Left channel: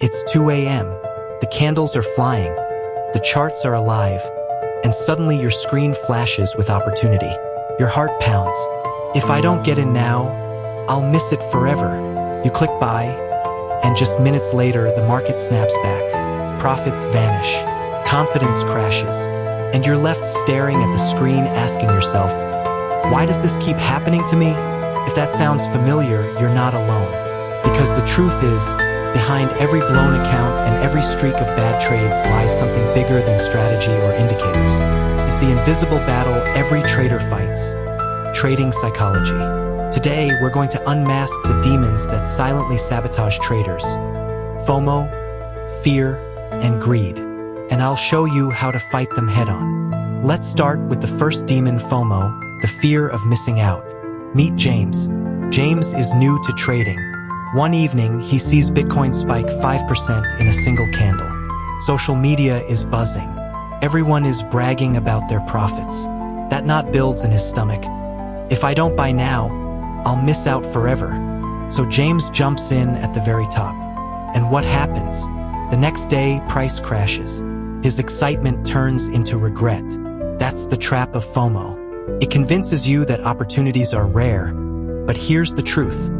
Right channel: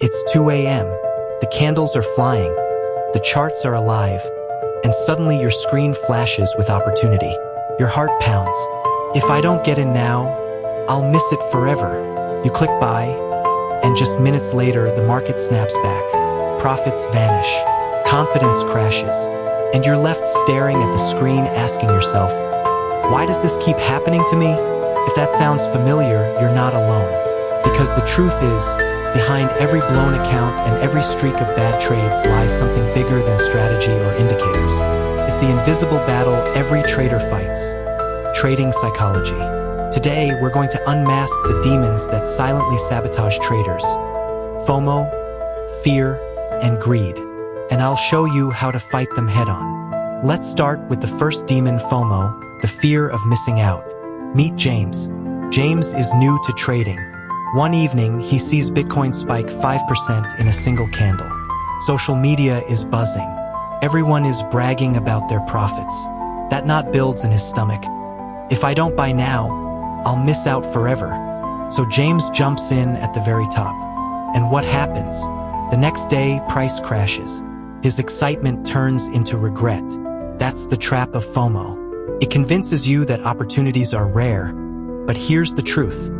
It's 2 a.m. The candles are flying, the charts are alive, and suddenly your screen flashes with opportunity. Your heart pounds. If I don't get in now, I'll miss it forever. You click buy, and just minutes later the market snaps back. Profits vanish, confidence crashes, and you're left staring at the screen asking yourself, why does this keep happening to me? If that sounds familiar, you're not alone. Because the truth is, behind every blown account and every streak of bad trades lies something bigger than strategy or indicators. It's the invisible battle every trader fights. Trading psychology. Today, we're going to unmask the demons that silently sabotage traders. FOMO, fear, and greed. And I'll show you how to fight them head-on. Let's start with the first demon, FOMO, the fear of missing out. Meet James. James is new to trading. One evening, he sees Bitcoin spike 5% in a single candle. Social media is buzzing. Everyone is bragging about their profits. That knot builds in his stomach. If I don't buy now, I'll miss out forever. So James jumps in at the very top. And what happens? The next day, price crashes. His excitement turns into regret. That's the trap of FOMO. It convinces you that opportunities are rare. But here's the truth.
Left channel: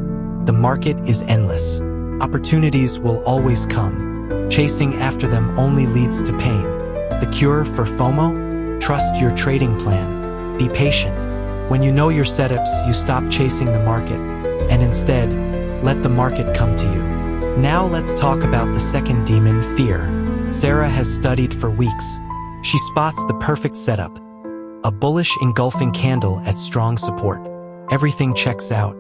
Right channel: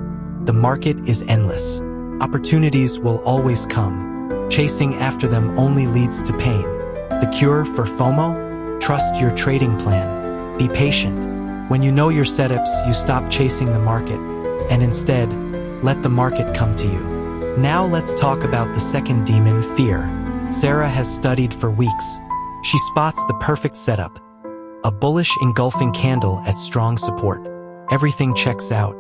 The market is endless. Opportunities will always come. Chasing after them only leads to pain. The cure for FOMO? Trust your trading plan. Be patient. When you know your setups, you stop chasing the market, and instead, let the market come to you. Now let's talk about the second demon, fear. Sarah has studied for weeks. She spots the perfect setup. A bullish engulfing candle at strong support. Everything checks out.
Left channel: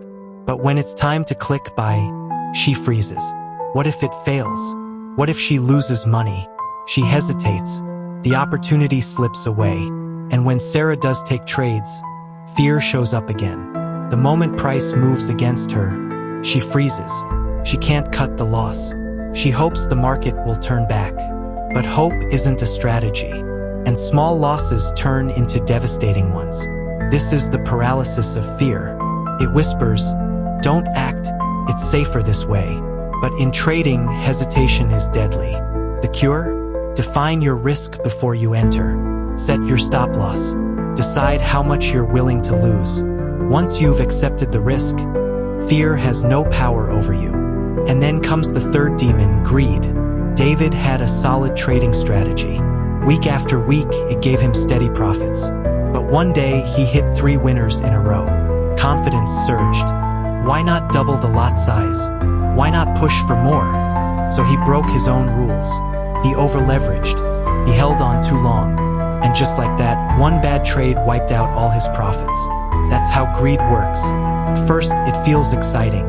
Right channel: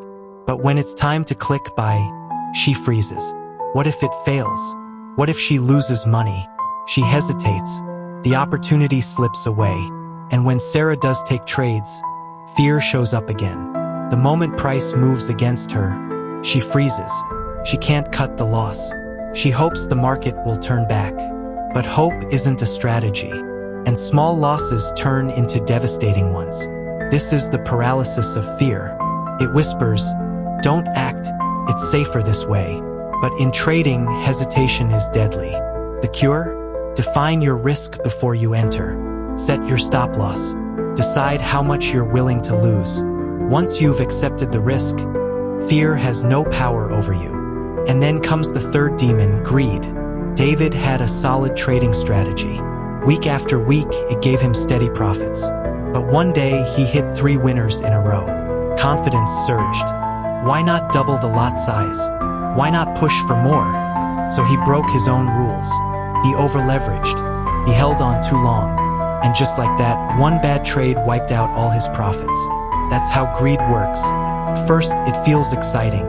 But when it's time to click buy, she freezes. What if it fails? What if she loses money? She hesitates. The opportunity slips away. And when Sarah does take trades, fear shows up again. The moment price moves against her, she freezes. She can't cut the loss. She hopes the market will turn back. But hope isn't a strategy. And small losses turn into devastating ones. This is the paralysis of fear. It whispers, don't act, it's safer this way. But in trading, hesitation is deadly. The cure? Define your risk before you enter. Set your stop loss. Decide how much you're willing to lose. Once you've accepted the risk, fear has no power over you. And then comes the third demon, greed. David had a solid trading strategy. Week after week, it gave him steady profits. But one day, he hit 3 winners in a row. Confidence surged. Why not double the lot size? Why not push for more? So he broke his own rules. He over-leveraged. He held on too long. And just like that, one bad trade wiped out all his profits. That's how greed works. First, it feels exciting.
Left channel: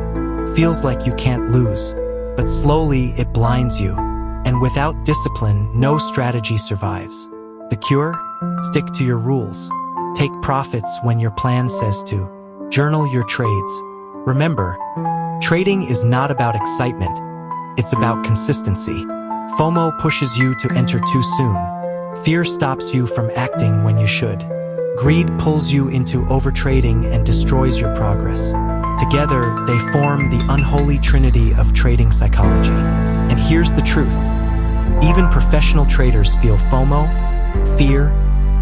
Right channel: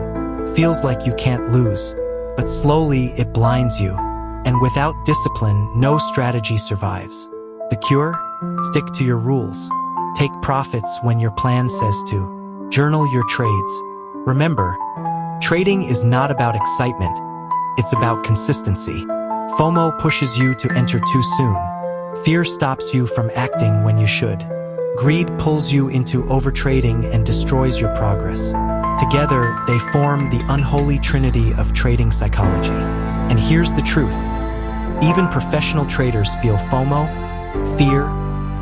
Feels like you can't lose. But slowly, it blinds you. And without discipline, no strategy survives. The cure? Stick to your rules. Take profits when your plan says to. Journal your trades. Remember, trading is not about excitement. It's about consistency. FOMO pushes you to enter too soon. Fear stops you from acting when you should. Greed pulls you into overtrading and destroys your progress. Together, they form the unholy trinity of trading psychology. And here's the truth. Even professional traders feel FOMO, fear,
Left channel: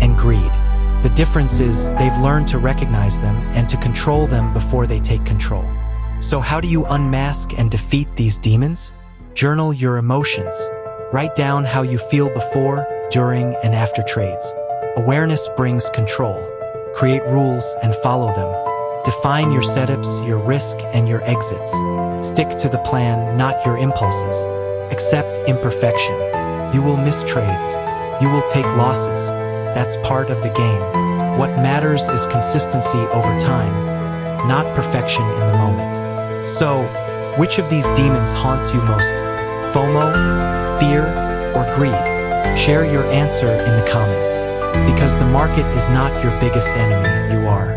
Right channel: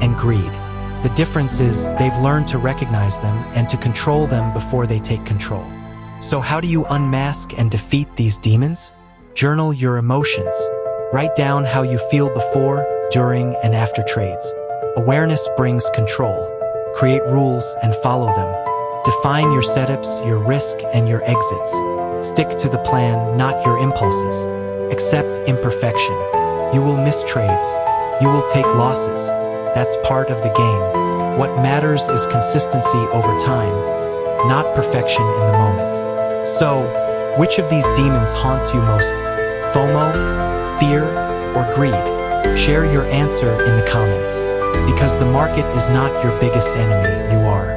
and greed. The difference is they've learned to recognize them and to control them before they take control. So how do you unmask and defeat these demons? Journal your emotions. Write down how you feel before, during, and after trades. Awareness brings control. Create rules and follow them. Define your setups, your risk, and your exits. Stick to the plan, not your impulses. Accept imperfection. You will miss trades. You will take losses. That's part of the game. What matters is consistency over time, not perfection in the moment. So, which of these demons haunts you most? FOMO, fear, or greed? Share your answer in the comments. Because the market is not your biggest enemy, you are.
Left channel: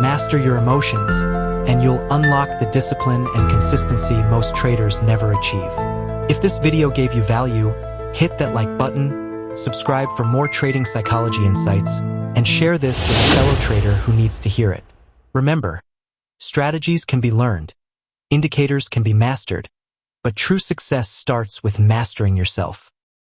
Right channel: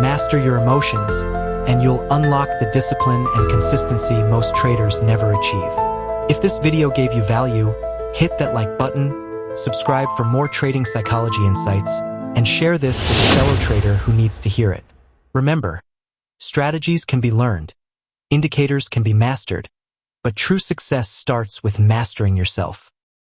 Master your emotions, and you'll unlock the discipline and consistency most traders never achieve. If this video gave you value, hit that like button, subscribe for more trading psychology insights, and share this with a fellow trader who needs to hear it. Remember, strategies can be learned, indicators can be mastered, But true success starts with mastering yourself.